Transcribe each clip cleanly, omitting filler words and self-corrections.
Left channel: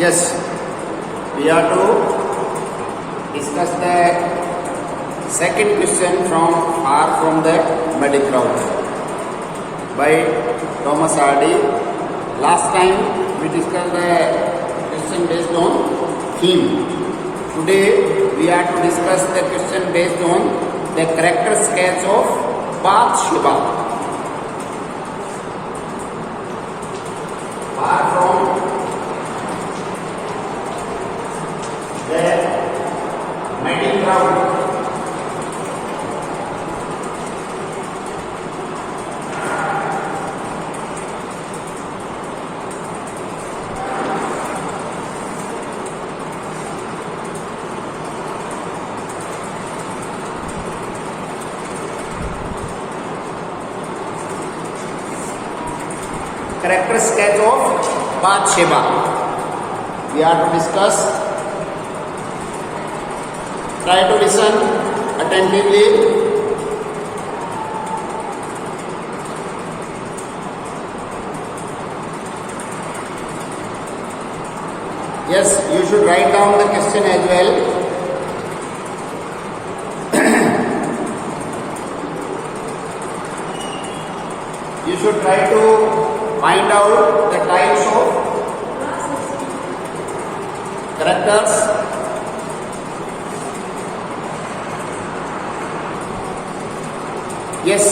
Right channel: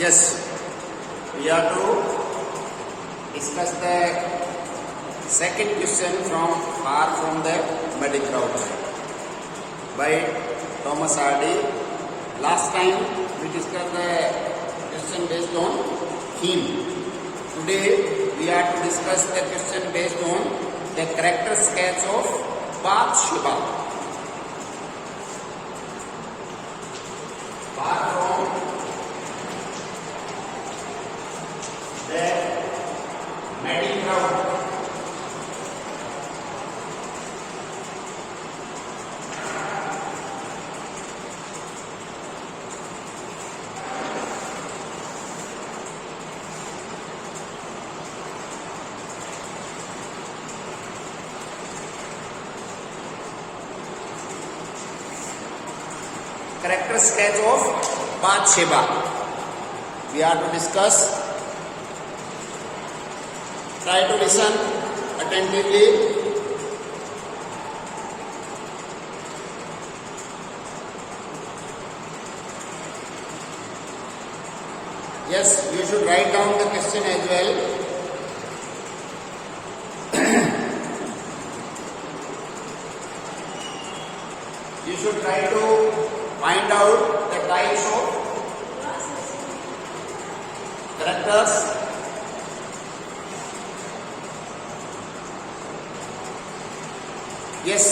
Yes, we are to discuss the second question from Far from the Muddy Crowd by Thomas Hardy. Last time we discussed the question based on theme. Today we are to discuss the question based on the character sketch of Bathsheba. Far from the muddy crowd. Character sketch of Bathsheba. We are to discuss. Try to listen attentively. Yes, you should write down the question as well. You should try to find out the types of characters. Yes,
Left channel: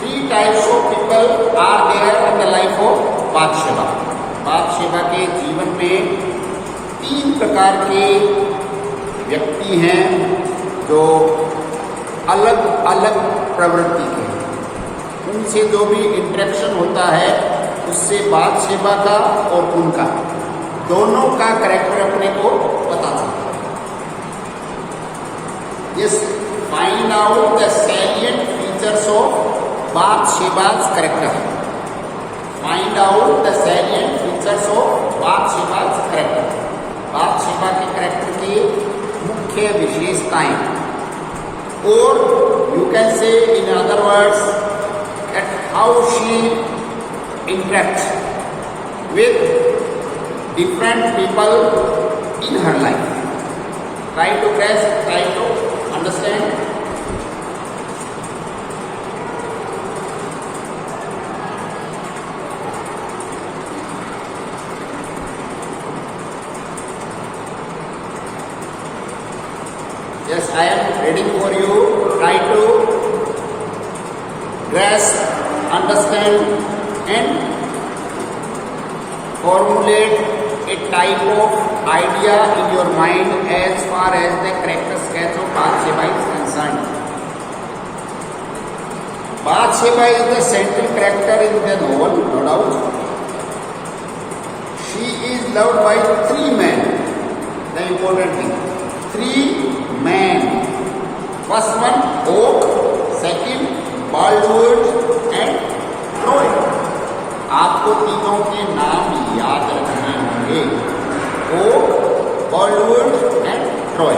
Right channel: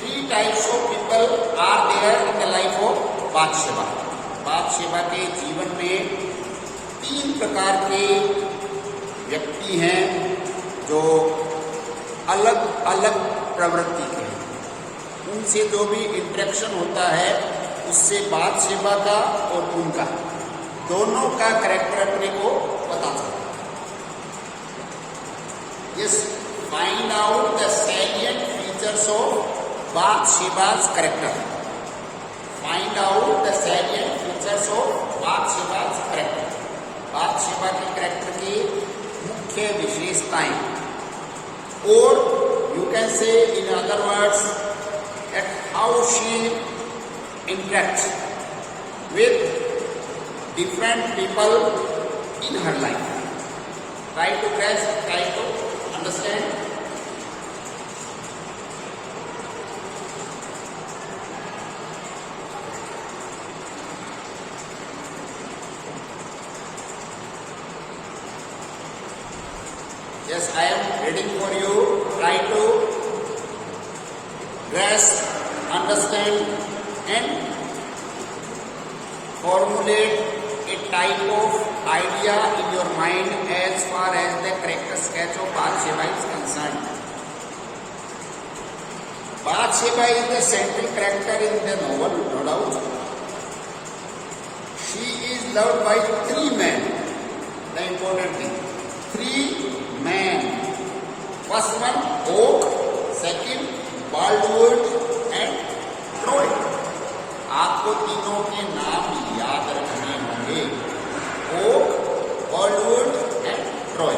3 types of people are there in the life of Bathsheba. बादशेबा के जीवन में 3 प्रकार के व्यक्ति हैं जो अलग अलग प्रवृत्ति के हैं। उनसे जो भी इंटरेक्शन होता है उससे बादशेबा का और उनका दोनों का कैरेक्टर अपने को पता चलता है। Yes, find out the salient features of Bathsheba's character. Find out the salient features of Bathsheba's character. बाथशेबा के कैरेक्टर की मुख्य विशेषताएं, और you can say in other words at how she interacts with different people in her life. Try to grasp, try to understand. Yes, I am reading for you. Try to grasp, understand and formulate a type of idea in your mind as far as the character sketch of Bathsheba is concerned. Bathsheba is the central character in the novel, no doubt. She is loved by 3 men. The important thing, 3 men. First one, Oak. Second, Boldwood and Troy. आपको तीनों के नाम याद रखने होंगे, Oak, Boldwood and Troy.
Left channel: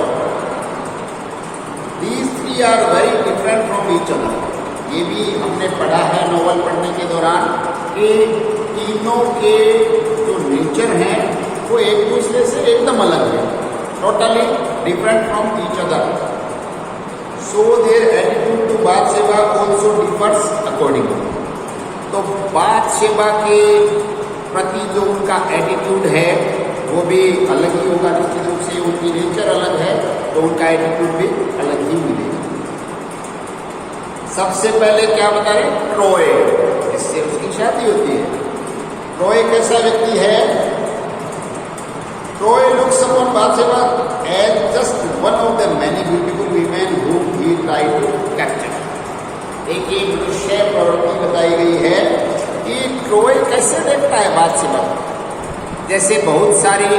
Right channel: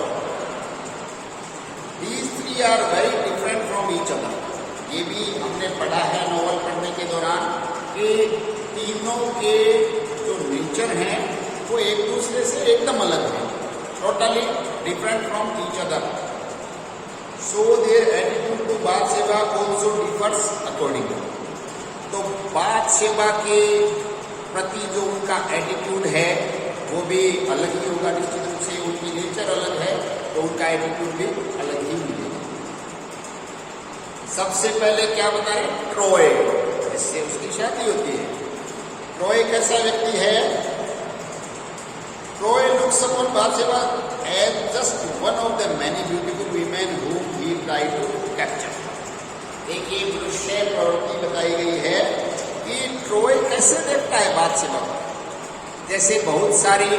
These 3 are very different from each other. ये भी हमने पढ़ा है नॉवल पढ़ने के दौरान कि तीनों के जो नेचर हैं वो एक दूसरे से एकदम अलग है, totally different from each other. So their attitude to Bathsheba also differs accordingly. तो बाथशेबा के प्रति जो उनका एटीट्यूड है वो भी अलग ही होगा. निश्चित रूप से उनकी नेचर अलग है तो उनका एटीट्यूड भी अलग ही मिलेगा. सबसे पहले क्या बता रहे, ट्रॉय. इससे उसकी शादी होती है. ट्रॉय कैसा व्यक्ति है? Troy looks upon Bathsheba as just one of the many beautiful women whom we try to capture. एक ये मनुष्य प्रवृत्ति बताई गई है कि ट्रोय कैसे देखता है बाथशेबा को, जैसे बहुत सारी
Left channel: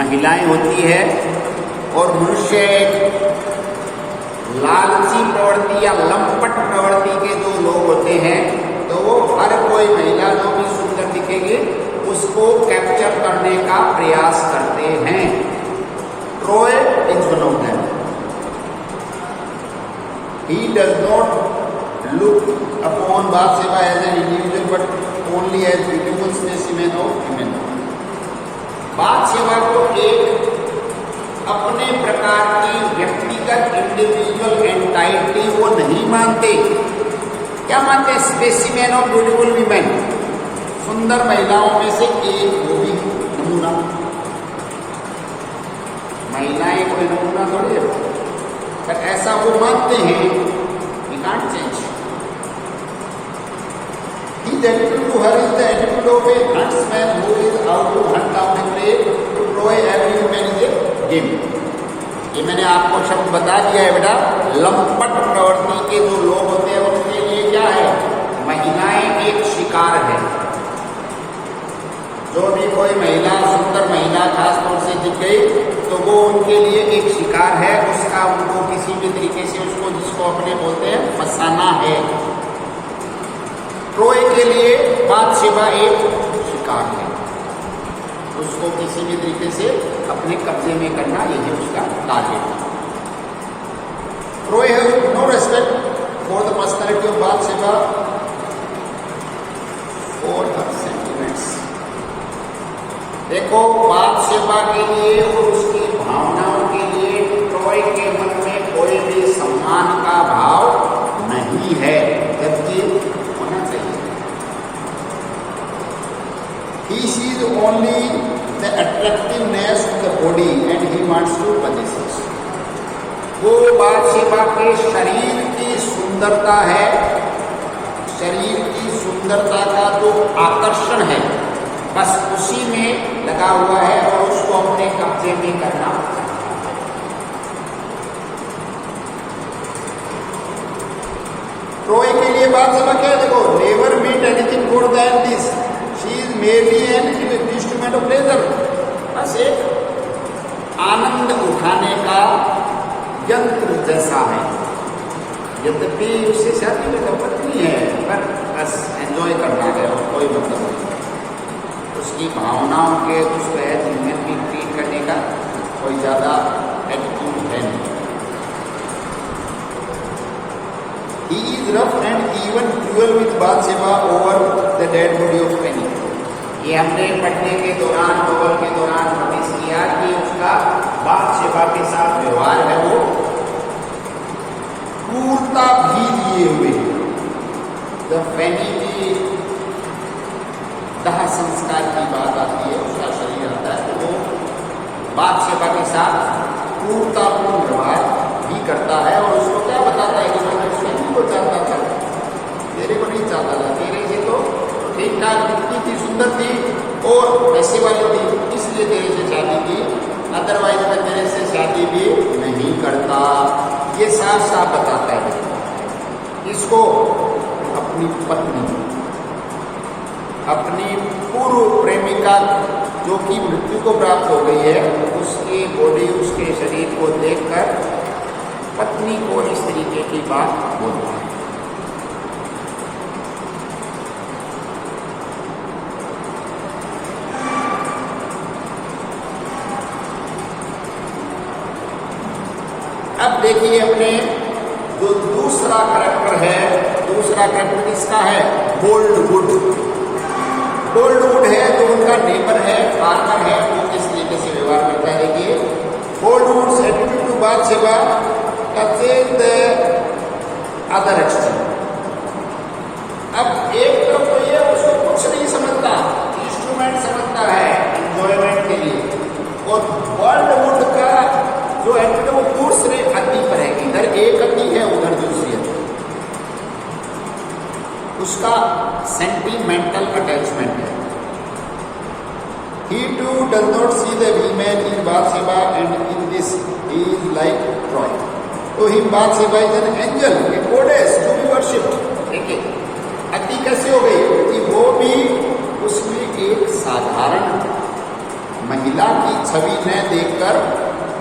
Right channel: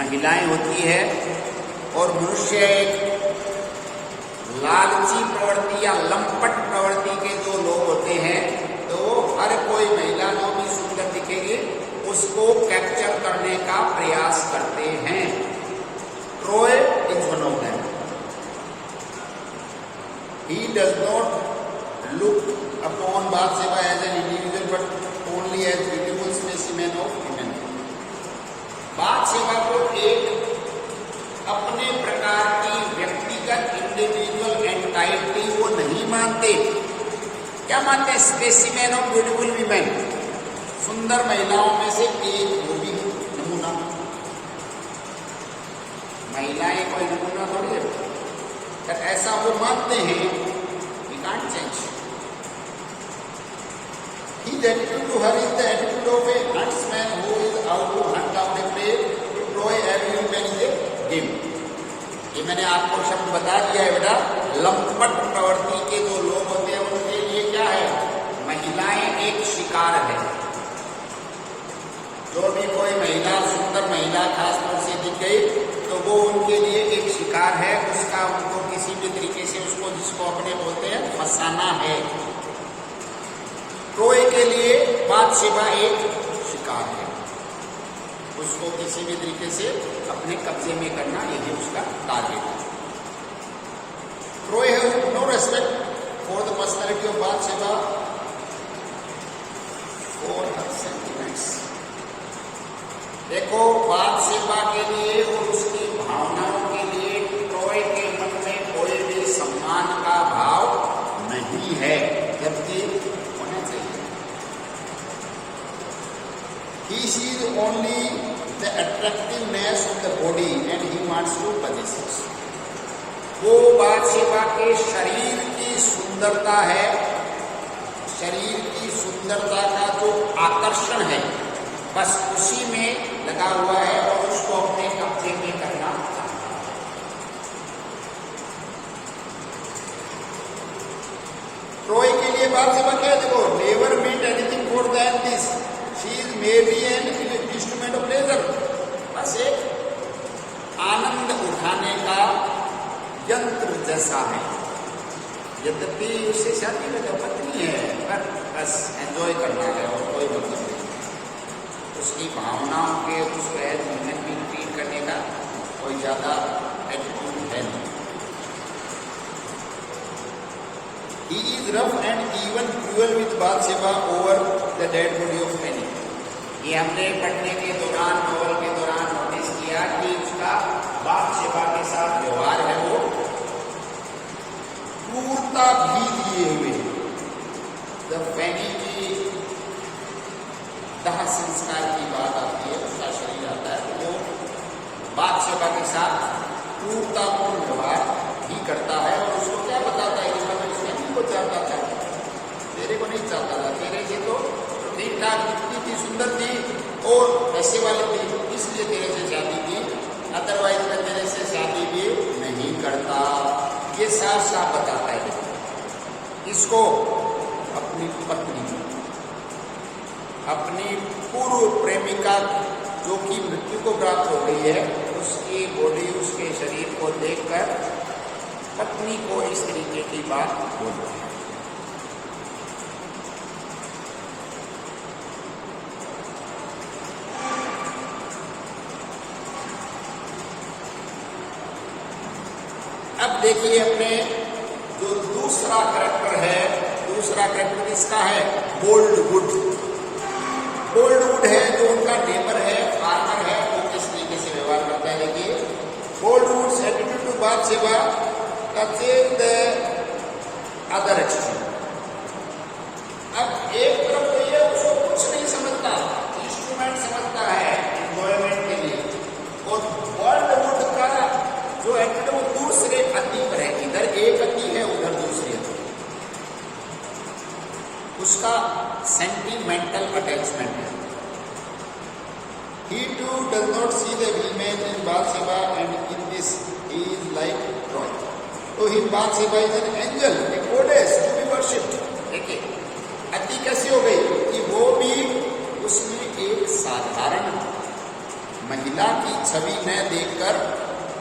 महिलाएं होती है और मनुष्य एक लालची प्रवृत्ति या लंपट प्रवृत्ति के जो लोग होते हैं तो वो हर कोई महिला जो भी सुंदर दिखेगी उसको कैप्चर करने का प्रयास करते हैं. Troy is one of them. He does not look upon Bathsheba as an individual but only as beautiful specimen of women. बात सेवा को एक अपने प्रकार की व्यक्तिगत इंडिविजुअल एंटाइटी वो नहीं मानते। क्या मानते हैं? स्पेसिमेन ऑफ ब्यूटीफुल वीमेन, सुंदर महिलाओं में से एक वो भी नमूना। महिलाएं कोई नमूना थोड़ी है, पर ऐसा वो मानते हैं। We can't change. His attitude to her is the attitude of a huntsman who is out to hunt down a prey to Troy every man is a game. ये मैंने आपको शब्द बता दिया है बेटा। लंपट प्रवृत्ति के जो लोग होते हैं उनके लिए क्या है? महिलाएं एक शिकार है। जो भी कोई महिला, सुंदर महिला खासतौर से दिख गई तो वो उनके लिए एक शिकार है। उसका उनको किसी भी तरीके से उसको, जिसको अपने बोलते हैं, फंसाना है। ट्रोय के लिए बाथशेबा एक शिकार है, उसको किसी भी तरीके से अपने कब्जे में करना, यही उसका टारगेट है। Troy has no respect for the personality of Bathsheba for her sentiments. देखो, बाथशेबा के लिए और उसकी भावनाओं के लिए ट्रोय के मन में कोई भी सम्मान का भाव नहीं है, जबकि होना चाहिए। He sees only the attractiveness of the body and he wants to possess it. वो बाथशेबा के शरीर की सुंदरता है, शरीर की सुंदरता का जो आकर्षण है, बस उसी में लगा हुआ है और उसको अपने कब्जे में करना चाहता है। ट्रोय के लिए बाथशेबा क्या है? देखो, never meet anything good then this, she is merely an instrument of pleasure. बस एक आनंद उठाने का यंत्र जैसा है। यद्यपि उससे शादी में तो पत्नी है, पर बस एंजॉय करना है और कोई मतलब नहीं। उसकी भावनाओं के उसको ह्यूमन भी ट्रीट करने का कोई ज्यादा एटीट्यूड है नहीं। He is rough and even cruel with बाथशेबा over the dead body of Cain. ये हमने पढ़ने के दौरान, नोवेल के दौरान नोटिस किया कि उसका बाथशेबा के साथ व्यवहार है वो क्रूरता भी दिए हुए है। जब फैनी की दाह संस्कार की बात आती है, उसका शरीर आता है, तो वो बाथशेबा के साथ क्रूरतापूर्ण व्यवहार भी करता है और उसको क्या बताता है कि मैं स्वयं को चाहता था, तेरे को नहीं चाहता था, तेरे से तो ठीक ठाक दिखती थी, सुंदर थी और पैसे वाली थी, इसलिए तेरे से शादी की, अदरवाइज मैं तेरे से शादी भी नहीं करता। ये साफ साफ बताता है। इसको अपनी पत्नी, अपनी पूर्व प्रेमिका जो कि मृत्यु को प्राप्त हो गई है, उसकी बॉडी, उसके शरीर को देखकर पत्नी को इस तरीके की बात बोलता है। अब देखिए अपने जो दूसरा करैक्टर है, दूसरा करैक्टर किसका है? बोल्डवुड। बोल्डवुड है जो उनका नेबर है, फार्मर है, वो किस तरीके से व्यवहार करता है। देखिए, Boldwood's attitude to Bathsheba touches the other extreme. अब एक तरफ तो ये उसको कुछ नहीं समझता, इंस्ट्रूमेंट समझता है एंजॉयमेंट के लिए, और बोल्डवुड का जो है वो दूसरे अति पर है, इधर एक अति है, उधर दूसरी अति। उसका सेंटिमेंटल अटैचमेंट है। He too does not see the woman in Bathsheba, and in this he is like Troy. To him Bathsheba is an angel, a goddess to be worshipped. देखिए, अति कैसे हो गई कि वो भी उसमें एक साधारण महिला की छवि में देखकर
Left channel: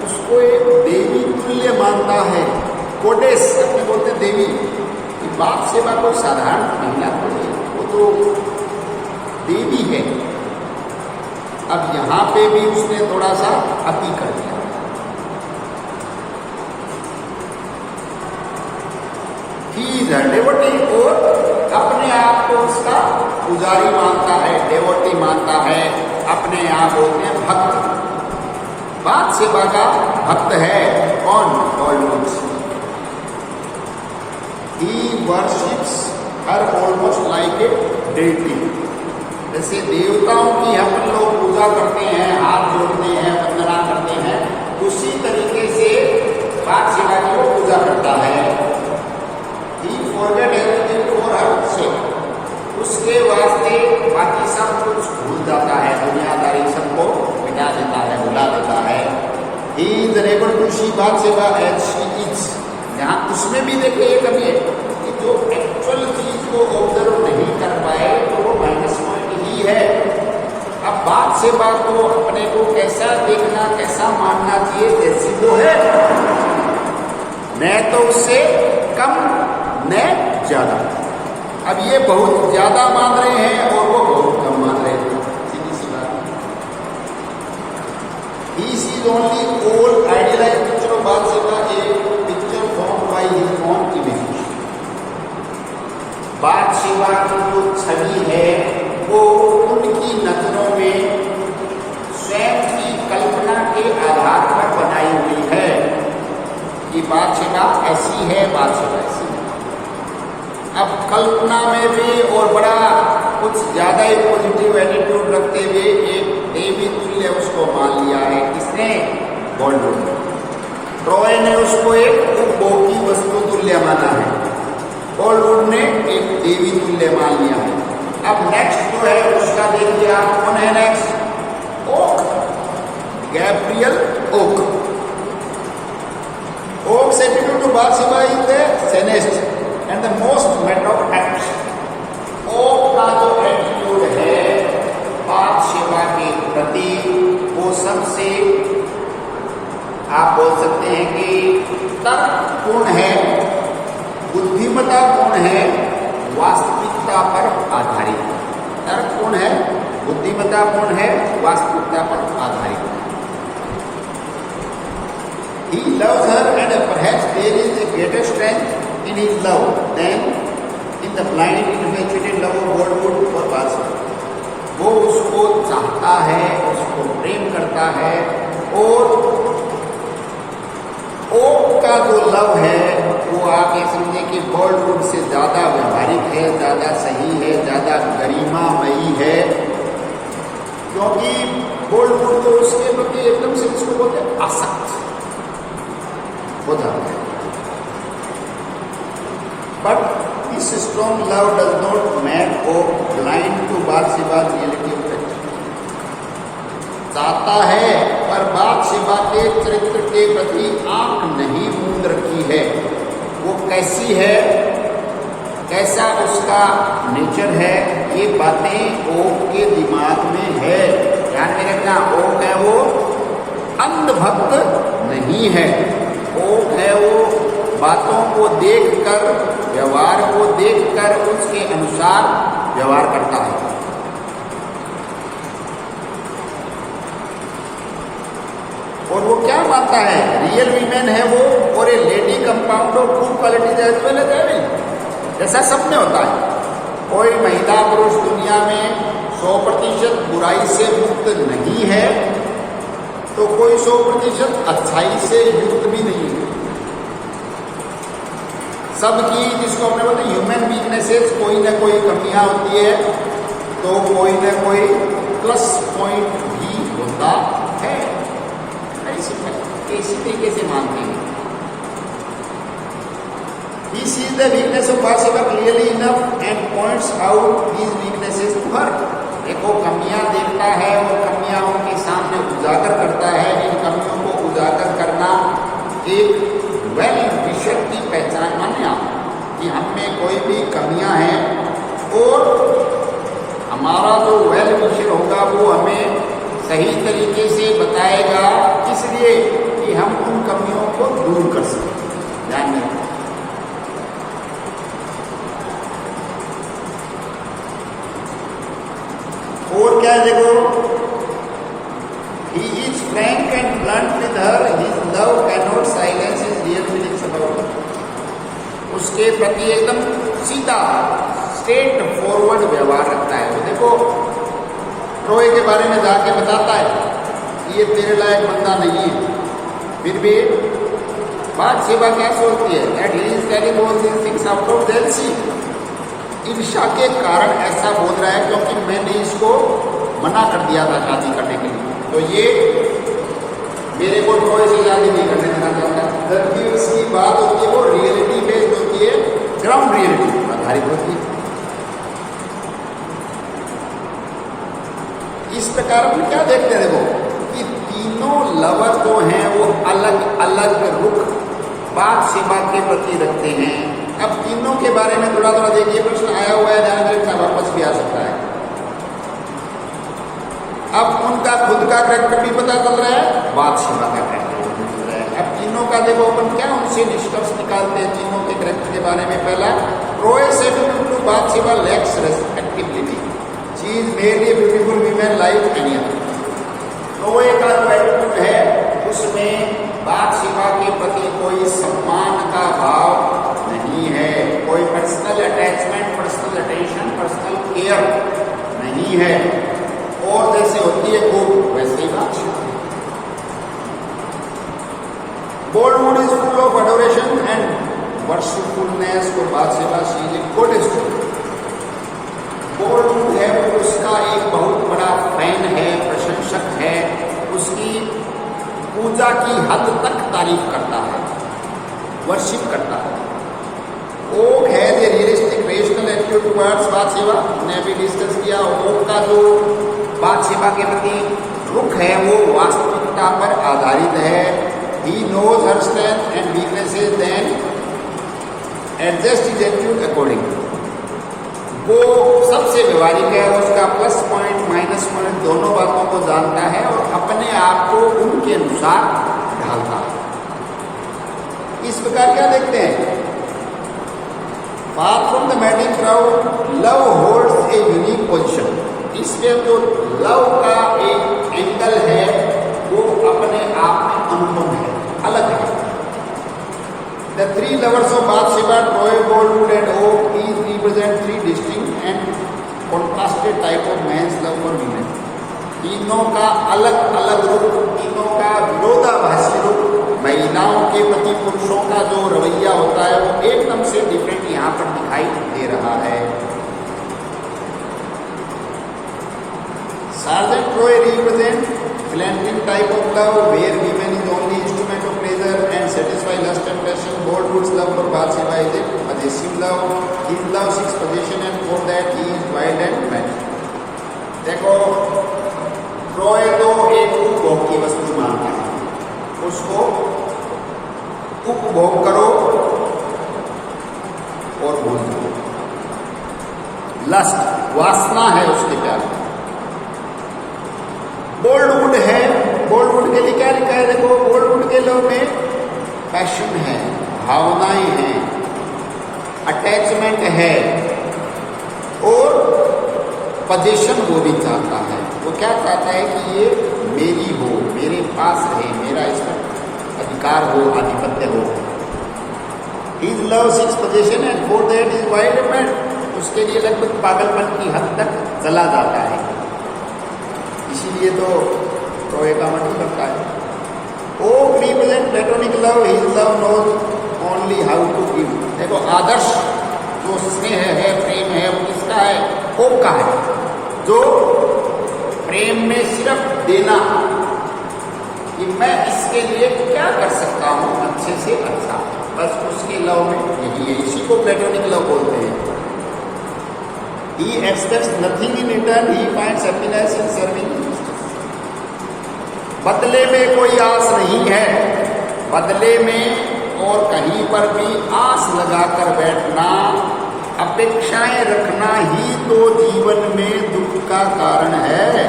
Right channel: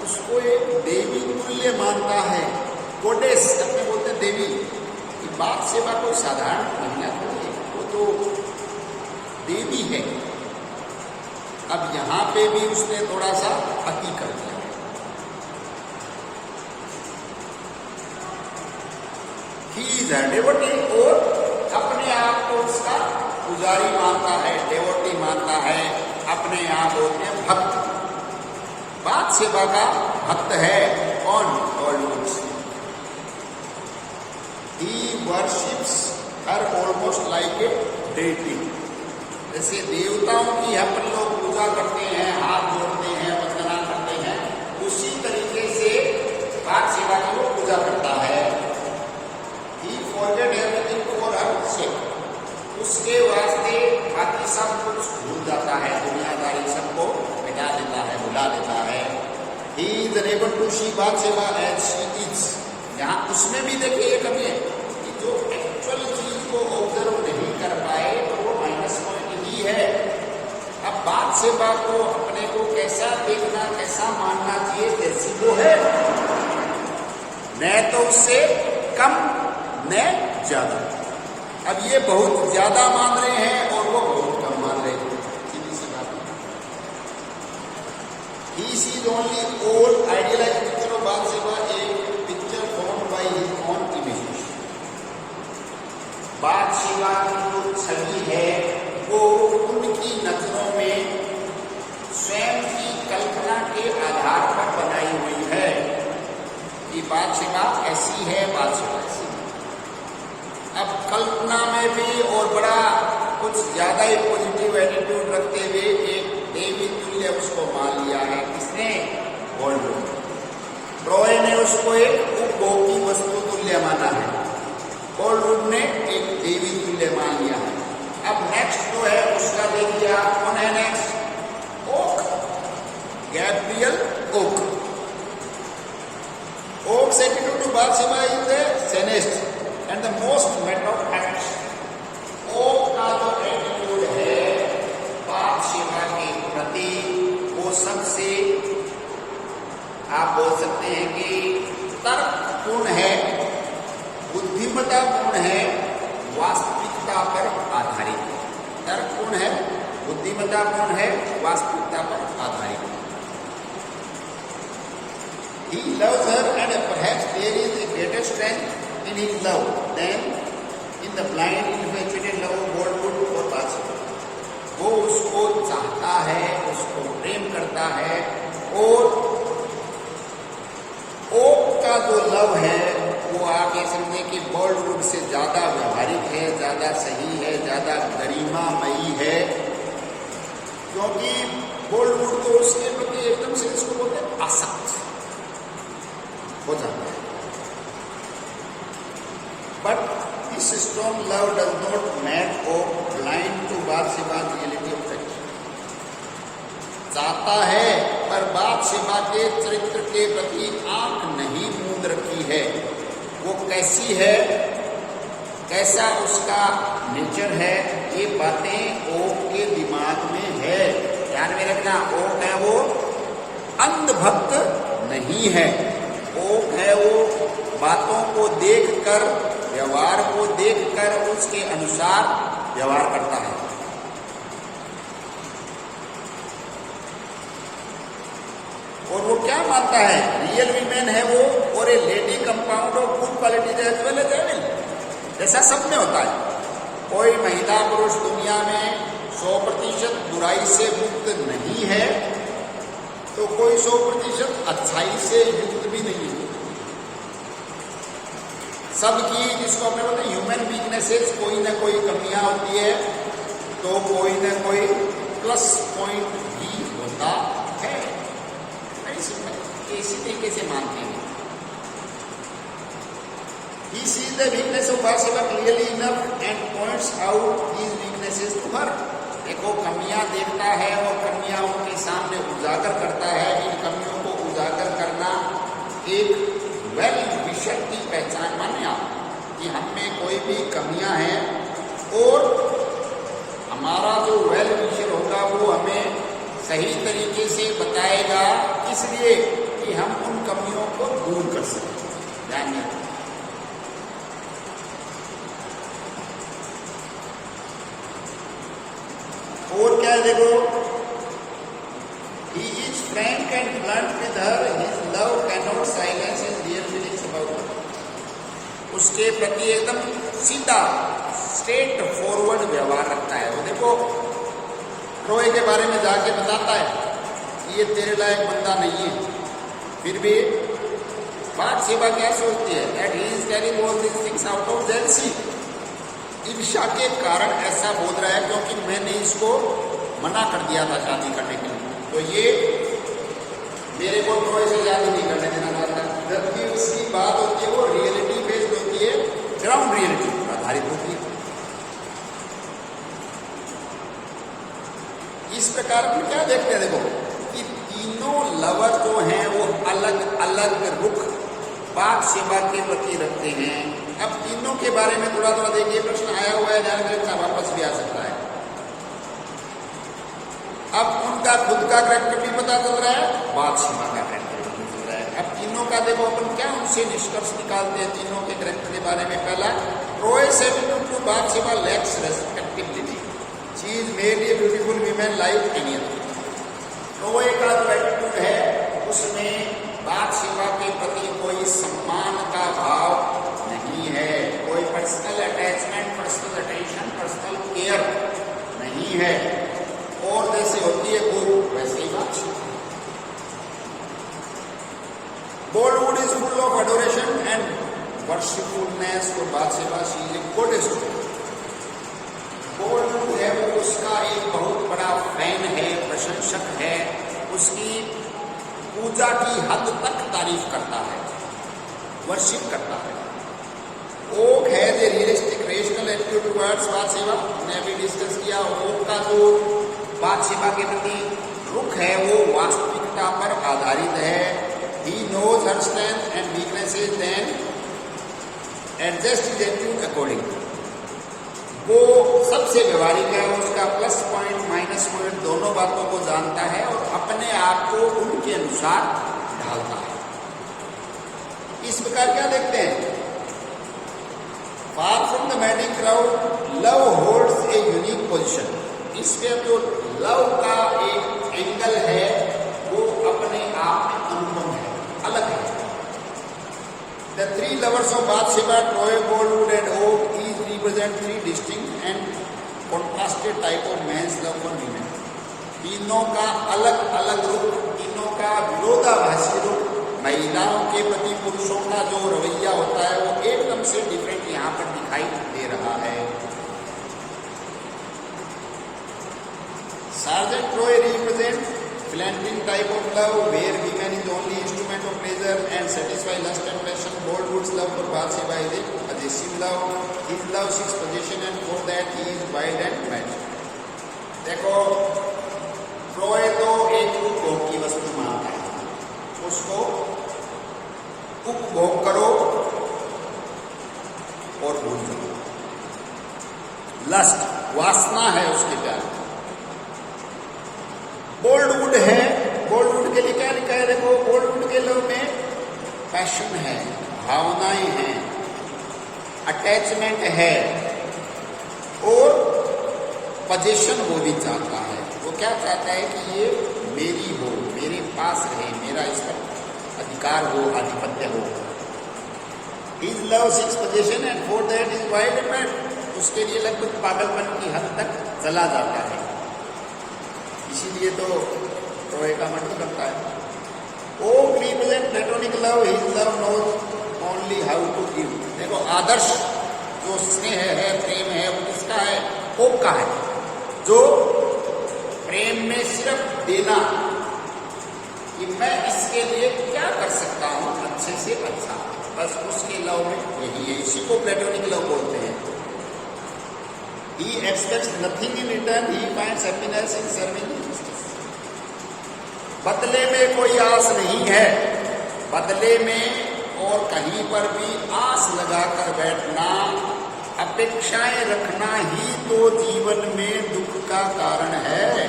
उसको एक देवी तुल्य मानता है। गोडेस अपने बोलते हैं देवी। बाथशेबा कोई साधारण महिला नहीं, वो तो देवी है। अब यहां पे भी उसने थोड़ा सा अति कर दिया। ही गर्भवती और अपने आप को उसका पुजारी मानता है, देवती मानता है, अपने आप बोलते हैं भक्त। बात सेवा का भक्त है कौन? Almost he worships her almost like a deity। जैसे देवताओं की हम लोग पूजा करते हैं, हाथ जोड़ते हैं, वंदना करते हैं, उसी तरीके से बात सेवा की वो पूजा करता है। He forget everything for her sake। उसके वास्ते बाकी सब कुछ भूल जाता है, दुनियादारी सबको मिटा देता है, भुला देता है। He is unable to see बात सेवा as she is। यहाँ उसमें भी देखिए एक कमी है कि जो एक्चुअल चीज को ऑब्जर्व नहीं कर पाए तो वो माइनस पॉइंट ही है। अब बात सेवा को अपने को कैसा देखना, कैसा मानना चाहिए, जैसी वो है, न तो उससे कम न ज्यादा। अब ये बहुत ज्यादा मान रहे हैं और वो बहुत कम मान रहे थे, सीधी सी बात। This is only old idealized picture of बात सेवा, एक picture form by his own image. बात सेवा की जो छवि है वो उनकी नजरों में स्वयं की कल्पना के आधार पर बनाई हुई है कि बात सेवा ऐसी है, बात सेवा ऐसी है। अब कल्पना में भी और बड़ा कुछ ज्यादा ही पॉजिटिव एटीट्यूड रखते हुए एक देवी तुल्य उसको मान लिया है। किसने? बॉलीवुड ने। ट्रॉय ने उसको एक उपभोग की वस्तु तुल्य माना है, बॉलीवुड ने एक देवी तुल्य मान लिया है। अब नेक्स्ट जो है उसका देखिए आप, कौन है next? Oak, Gabriel Oak. Oak's attitude to Bathsheba is the sanest and the most matter of fact. Oak का जो एटीट्यूड है बात सेवा के प्रति वो सबसे आप बोल सकते हैं कि तर्कपूर्ण है, बुद्धिमत्तापूर्ण है, वास्तविकता पर आधारित। तर्कपूर्ण है, बुद्धिमत्तापूर्ण है, वास्तविकता पर आधारित। He loves her and perhaps there is a greater strength in his love than in the blind infatuated love of Bollywood for बात सेवा। वो उसको चाहता है, उसको प्रेम करता है और ओक का जो लव है वो आप ये समझे कि बॉलीवुड से ज्यादा व्यवहारिक है, ज्यादा सही है, ज्यादा गरिमामयी है, क्योंकि बॉलीवुड तो उसके प्रति एकदम से उसको बोलते आसक्त हो जाता है। But this strong love does not make Oak blind to Bathsheba reality of fact. चाहता है पर बात सेवा के चरित्र के प्रति आंख नहीं मूंद रखी है। वो कैसी है, कैसा उसका नेचर है, ये बातें ओक के दिमाग में है। ध्यान में रखना, ओक है वो अंधभक्त नहीं है। ओक है वो बातों को देखकर, व्यवहार को देखकर उसके अनुसार व्यवहार करता है। और वो क्या मानता है? रियल वीमेन है वो और ए lady compound of good quality जैसा सब में होता है। कोई महिला पुरुष दुनिया में 100% बुराई से मुक्त नहीं है तो कोई 100% अच्छाई से युक्त भी नहीं है। सबकी जिसको हमने बोलते ह्यूमन वीकनेसेस, कोई ना कोई कमियां होती है तो कोई ना कोई प्लस पॉइंट भी होता है। इसी तरीके से मानते हैं। He sees the weakness of बात सेवा clearly enough and points out these weaknesses to her। देखो कमियां देखता है और कमियां उनके सामने उजागर करता है। इन कमियों को उजागर करना एक वेल विशर की पहचान माने आप कि हम में कोई भी कमियां हैं और हमारा जो वेल विशर होगा वो हमें सही तरीके से बताएगा, इसलिए कि हम उन कमियों को दूर कर सकें। ध्यान में और क्या है देखो, he is frank and blunt with her, his love cannot silence his real feelings about her। उसके प्रति एकदम सीधा स्ट्रेट फॉरवर्ड व्यवहार रखता है। उसको ट्रोय के बारे में जाके बताता है कि ये तेरे लायक बंदा नहीं है, फिर भी बातशेबा क्या सोचती है, at least telling all these things out of jealousy, ईर्ष्या के कारण ऐसा बोल रहा है क्योंकि मैंने इसको मना कर दिया था शादी करने के लिए, तो ये मेरे को ट्रोय से शादी नहीं करने देना चाहता। जब भी उसकी बात होती है वो रियलिटी बेस्ड होती है, ग्राउंड रियलिटी आधारित होती है। इस प्रकार हम क्या देखते हैं, देखो कि तीनों लवर जो हैं वो अलग अलग रुख बातशेबा के प्रति रखते हैं। अब तीनों के बारे में थोड़ा थोड़ा देखिए, प्रश्न आया हुआ है, ध्यान रखना, वापस भी आ सकता है। अब उनका खुद का कैरेक्टर भी पता चल रहा है, बातशेबा का कैरेक्टर भी चल रहा है। अब तीनों का देखो अपन क्या उनसे निष्कर्ष निकालते हैं तीनों के कैरेक्टर के बारे में। पहला, ट्रोय सेटलमेंट to Bathsheba lacks respectability, she is merely beautiful women like any other. Troy का जो एटीट्यूड है उसमें बातशेबा के प्रति कोई सम्मान का भाव नहीं है, कोई personal attachment, personal attention, personal care नहीं है, और जैसे होती है वो वैसे ही बातशेबा। Bollywood is full of adoration and worshipfulness for बातशेबा, she is a goddess। Bollywood है वो उसका एक बहुत बड़ा फैन है, प्रशंसक है, उसकी पूजा की हद तक तारीफ करता है, वर्शिप करता है। ओक है जो रियलिस्टिक रेशनल एटीट्यूड टुवर्ड्स बातशेबा, हमने अभी डिस्कस किया। ओक का जो बातशेबा के प्रति रुख है वो वास्तविकता पर आधारित है। He knows her strength and weaknesses then adjust his attitude according. वो सबसे व्यवहारिक है, उसका प्लस पॉइंट माइनस पॉइंट दोनों बातों को जानता है और अपने आप को उनके अनुसार ढालता है। इस प्रकार क्या देखते हैं, far from the magic crowd love holds a unique position. इसके जो लव का एक एंगल है वो अपने आप में अनुपम है, अलग है। The three lovers of Bathsheba, Troy, Boldwood and Oak, each represent three distinct and contrasted type of man's love for women। तीनों का अलग अलग रूप, तीनों का विरोधाभासी रूप, महिलाओं के प्रति पुरुषों का जो रवैया होता है वो एकदम से डिफरेंट यहाँ पर दिखाई दे रहा है। Sergeant Troy represent Philantine type of love where women is only instrument of pleasure and satisfy lust and passion। Bollywood's love for बातशेबा is a possessive love, his love seeks possession and for that he is wild and mad। देखो Troy तो एक उपभोग की वस्तु मानता है, उसको उपभोग करो और भूल जाओ। लस्ट वासना है उसके प्यार में। बॉलीवुड है, बॉलीवुड के लिए क्या लिखा है, देखो बॉलीवुड के लव में पैशन है, भावनाएं हैं, अटैचमेंट है और पोजीशन वो भी चाहता है। वो क्या चाहता है कि ये मेरी हो, मेरे पास रहे, मेरा इस पर अधिकार हो, आधिपत्य हो। His love seeks possession and for that is wild and mad। उसके लिए लगभग पागलपन की हद तक चला जाता है, इसीलिए तो ट्रोय का मत करता है। Oak represent platonic love, his love knows only how to give. देखो आदर्श जो स्नेह है, प्रेम है, वो किसका है, ओक का है, जो प्रेम में सिर्फ देना, कि मैं इसके लिए क्या कर सकता हूं अच्छे से अच्छा, बस उसके लव में यही है, इसी को प्लेटोनिक लव बोलते हैं। He expects nothing in return, he finds happiness in serving justice। बदले में कोई आस नहीं है, बदले में और कहीं पर भी आस लगाकर बैठना, अपेक्षाएं रखना ही तो जीवन में दुख का कारण है।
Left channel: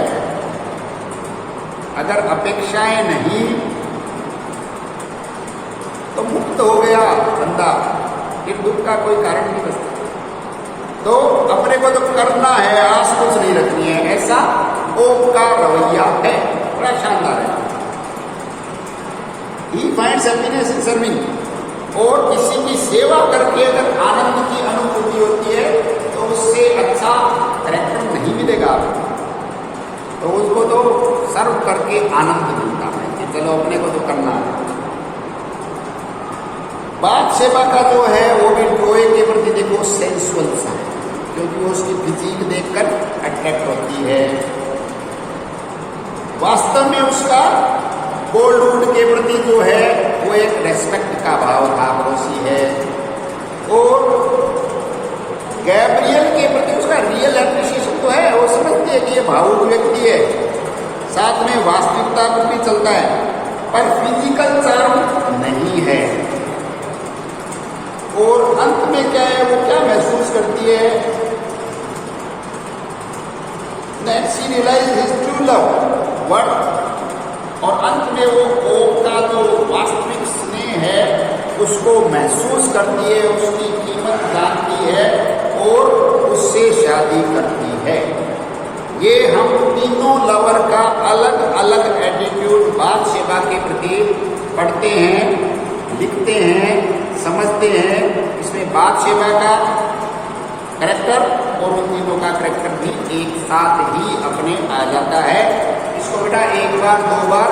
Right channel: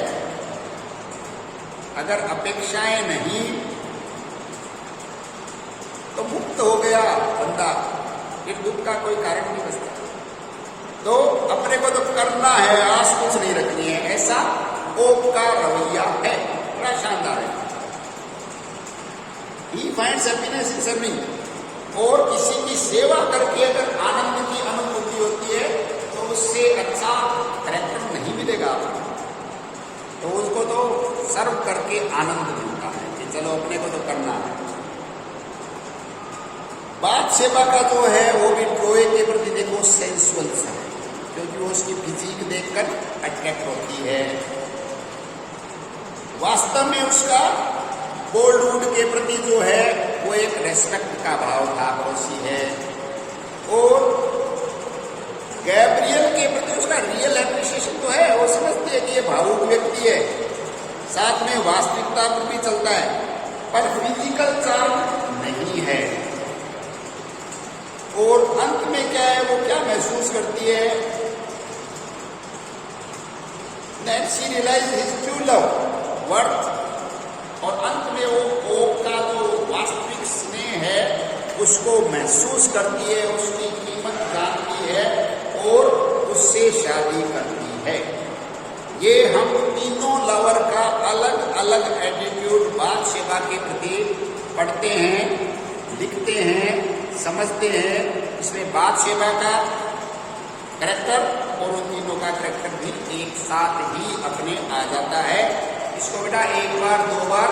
अगर अपेक्षाएं नहीं तो मुक्त हो गया बंदा, फिर दुख का कोई कारण नहीं बचता। तो अपने को तो करना है, आस कुछ नहीं रखनी है, ऐसा ओक का रवैया है, बड़ा शानदार है। He finds happiness in serving। और किसी की सेवा करके अगर आनंद की अनुभूति होती है तो उससे अच्छा करेक्टर नहीं मिलेगा आपको। तो उसको तो सर्व करके आनंद मिलता है कि चलो अपने को तो करना है। बात सेवा का जो है वो भी ट्रोय के प्रति देखो सेंसुअल सा है, क्योंकि वो उसकी फिजिक देखकर अट्रैक्ट होती है। वास्तव में उसका बोल्डवुड के प्रति जो है वो एक रेस्पेक्ट का भाव था, पड़ोसी है। और गैब्रियल के प्रति उसका रियल एप्रिसिएशन तो है, वो समझती है कि ये भावुक व्यक्ति है, साथ में वास्तविकता पर भी चलता है, पर फिजिकल चार्म नहीं है। और अंत में क्या है, वो क्या महसूस करती है, that she realized his true love, worth, और अंत में वो ओक का जो वास्तविक स्नेह है उसको महसूस करती है, उसकी कीमत जानती है और उससे शादी करती है। ये हम तीनों लवर का अलग अलग एटीट्यूड बात सेवा के प्रति पढ़ते हैं, लिखते हैं, समझते हैं। इसमें बात सेवा का करेक्टर और उन तीनों का करेक्टर भी एक साथ ही अपने आ जाता है। इसको बेटा एक बार दो बार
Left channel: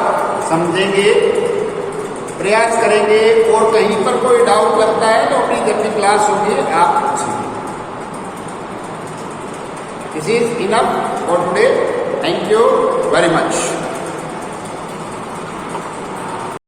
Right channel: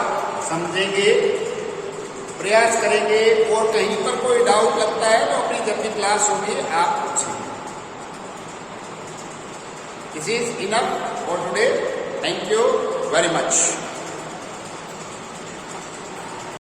समझेंगे, प्रयास करेंगे, और कहीं पर कोई डाउट लगता है तो अपनी जब भी क्लास होगी आप पूछेंगे। This is enough for today. Thank you very much.